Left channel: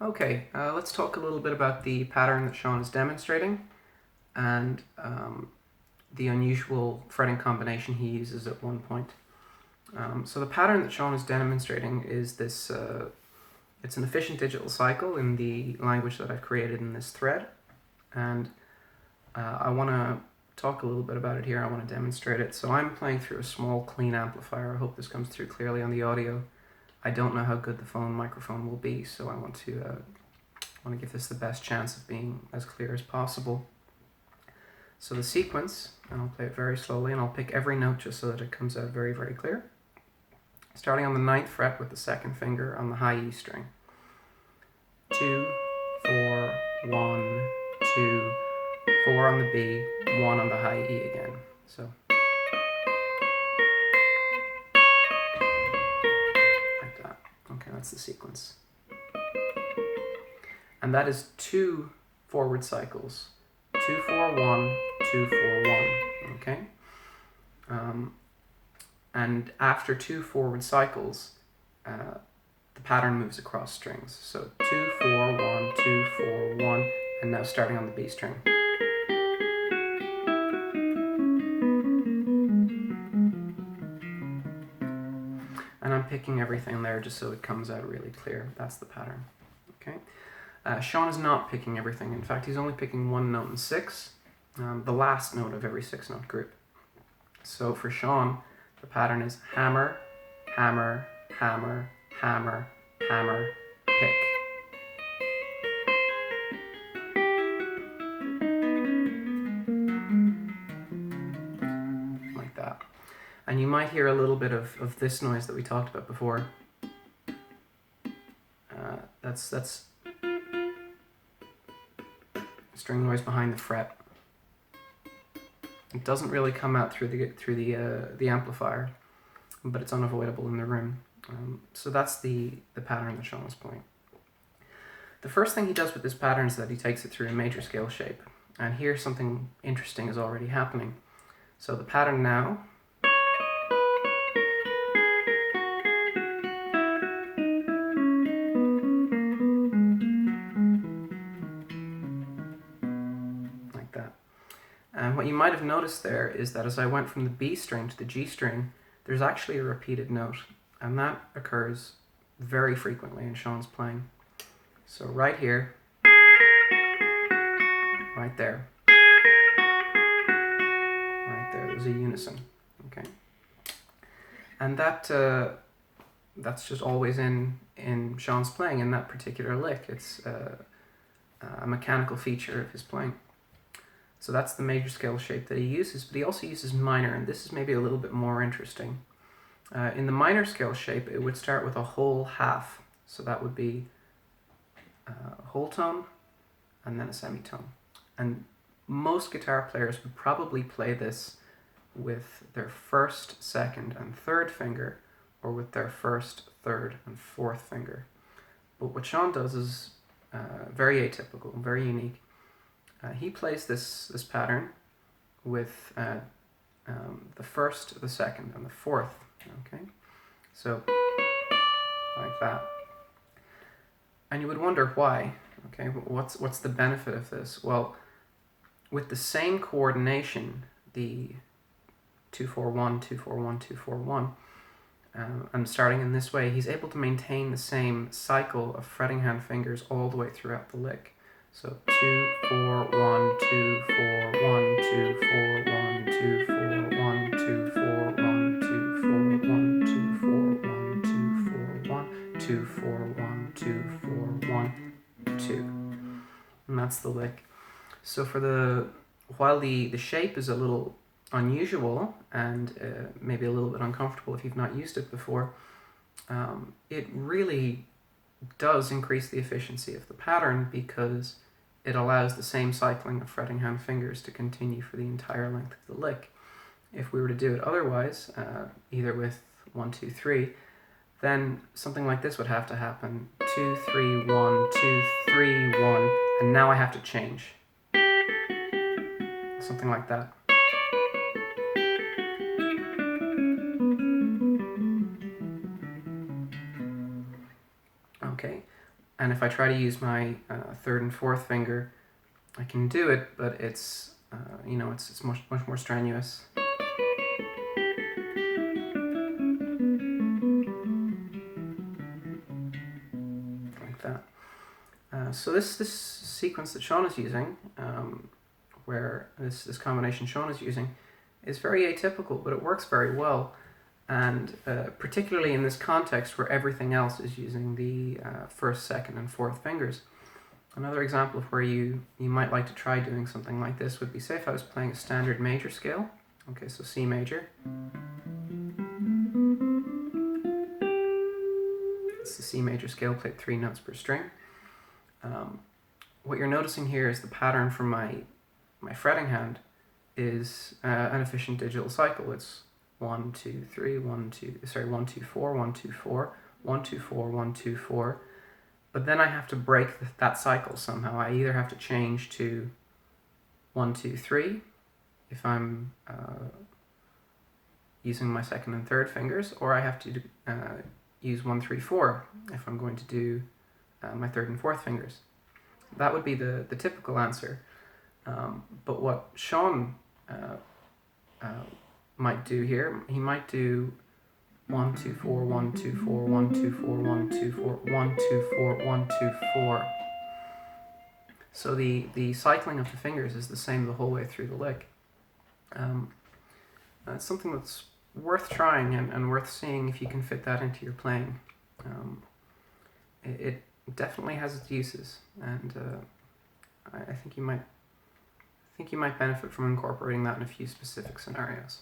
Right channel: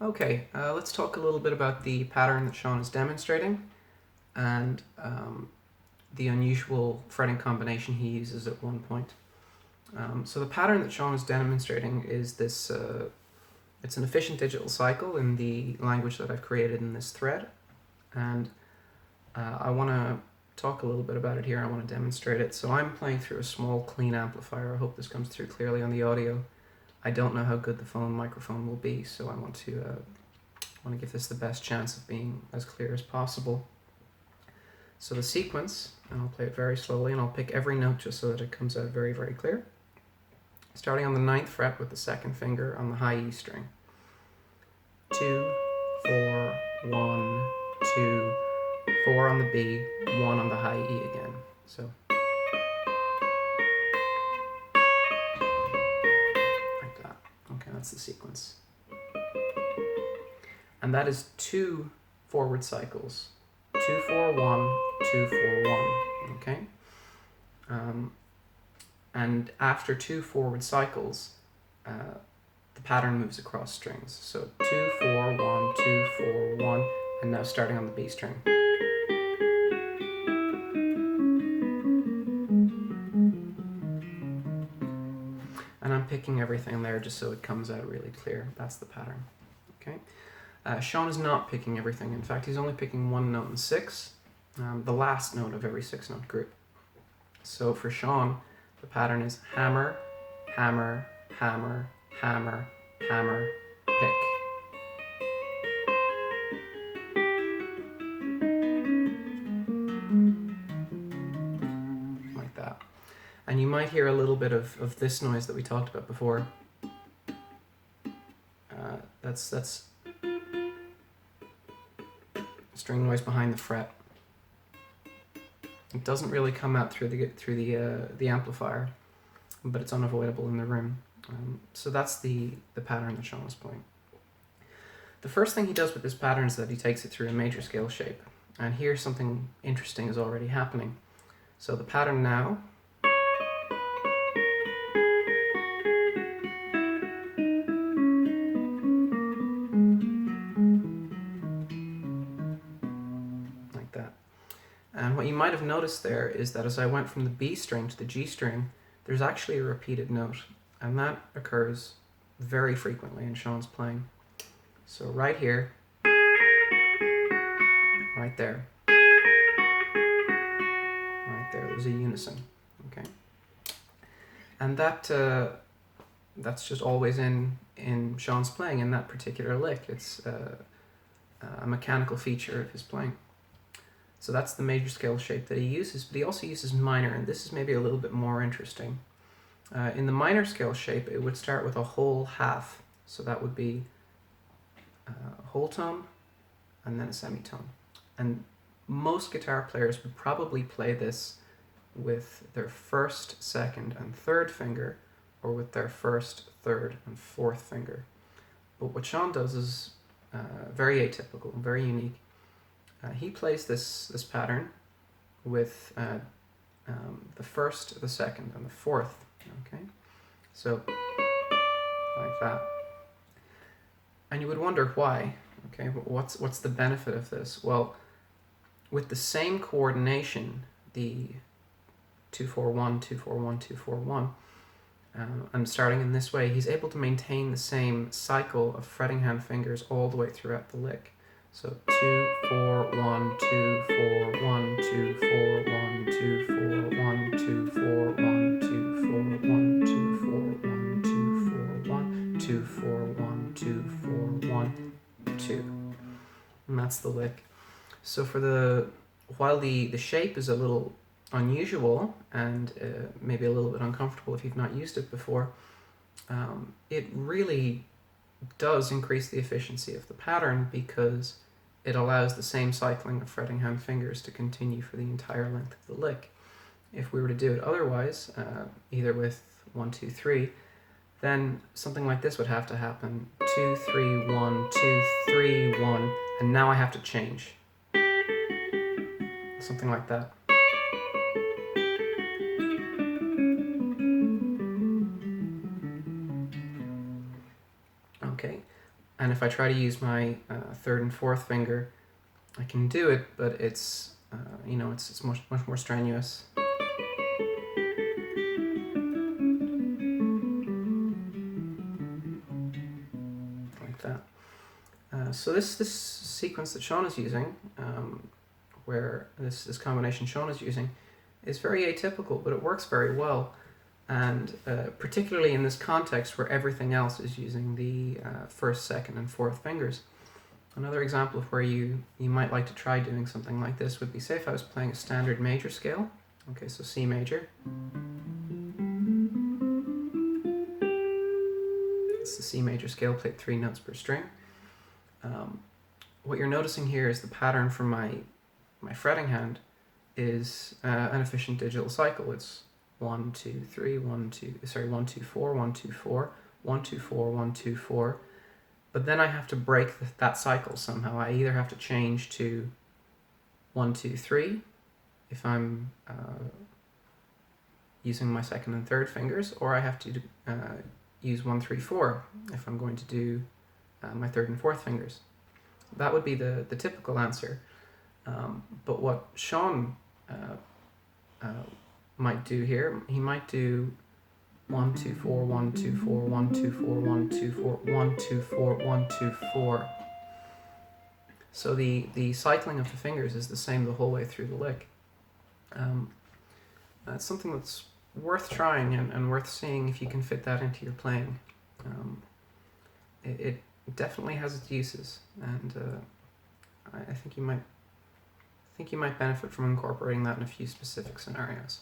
Okay, let's talk a little bit about the pattern that Shawn is demonstrating and the unusual fretting combination he uses at one point. So the pattern that Shawn is demonstrating is this, it's an efficient digital cycle in the language that I've created in this thread, and I want to talk a little bit about it here. I want to demonstrate it. So I'm playing through a small clean amplifier. I hope this comes through clearly on the audio. I don't know how good the phone microphone will be, so I want to give this the best chance of being as clear as possible. So the sequence, and I'll play it very slowly, and I'll pick every note just so that it comes out very, very clear. Starting on the 9th fret with the 2nd finger on the high E string. 2, 4, 1, 2, 4 on the B, 1 on the high E again. So like that. Okay, that's the sequence. And that is 2 forward cycles. 2, 4, 1, 2, 4, 1. Okay? And after 2 forward cycles, the pattern moves across strings. So 2, 4, 1, 2, 4, 1, and now starting on the B string. And I'm picking everything there just so it comes out really clear. That's the pattern. Okay. Shawn is not picking everything. In fact, he's only picking one note in 6, the last note of every 6-note group. So for Shawn, the pattern is hammer, hammer, hammer, hammer, hammer, pick. Like that. And you might hear a little bit of this noise that we talked about before. That's string noise behind the fret. It doesn't really come out through the amplifier, but it's unavoidable in the room. So that's the pattern that Shawn is playing. The first thing he does with this pattern is that he takes it through a major scale shape. And here something interesting is already happening. So the pattern now like that. And what you might have noticed there is that as I went from the B string to the G string, there's actually a repeated note. And that occurs very frequently in Shawn's playing. So right here, right there, there's a unison, okay? And that's just always in Shawn's playing in that particular lick. It's a mechanical feature of his playing. So that's the major scale shape that he uses, but he also uses minor, and this is maybe a little bit more interesting. In the minor scale shape, it would start with a whole half, so that would be a whole tone and then a semitone. And most guitar players would probably play this with their 1st, 2nd, and 3rd finger, or with their 1st, 3rd, and 4th finger. But what Shawn does is very atypical, very unique. He plays this pattern with the 1st, the 2nd, and the 4th. Okay, so like that. And you would wonder why. Okay, what's the benefit of this? Well, with the same coordination, the 2-4-1, 2-4-1, 2-4-1, and starting in this way, he's able to maintain the same cycle of fretting hand fingers all the way throughout the lick. So 2, 4, 1, 2, 4, 1, 2, 4, 1, 2, 4, 1, 2, 4, 1, 2, 4, 1, 2, 4, 1, 2, 4, 1, 2, 4, 1, 2, 4, 1, 2. And that's the lick. So while the shape is a little unusual and maybe a little bit uncomfortable if you've not used it before, it really does increase the efficiency of the pattern because it allows the same cycling of fretting hand fingers to continue for the entire length of the lick. If we were to do it otherwise, either with 1, 2, 3, then something like this would have to happen. 2, 3, 1, 2, 3, 1, and now I have to change. Something like that. Okay, And if I try to use my third and fourth finger, I can do it, but it's it's much more strenuous. Like that. So this sequence that Shawn is using, where this combination Shawn is using, is very atypical, but it works very well. And particularly in this context where everything else is using the first, second, and fourth fingers. Another example of where you might like to try doing something like this would be, say if I was playing a standard major scale. Okay, so C major. It's the C major scale, played 3 notes per string. What you're noticing here is the pattern from my fretting hand is an efficient digital cycle. It's 1, 2, 3, 1, 2, 1, 2, 4, 1, 2, 4, 1, 2, 4, 1, 2, 4. But then I have to break that cycle somehow. I either have to change to 1, 2, 3 if I'm using my second and third fingers, or I have to use 1, 3, 4 if I'm going to do my third and fourth fingers. That would be the typical answer. But what Shawn might do here, he might do 1, 2, 4, 1, 2, 4, 1, 2, 4, 1, 2, 4, 1, 2, 4, 1, 2, 4. So the cycling of the fingers is the same the whole way through the lick. It's something that's worth trying and worth seeing if you can fit that into your playing. It definitely has its uses, and I think you might benefit from incorporating that in a few specific scenarios.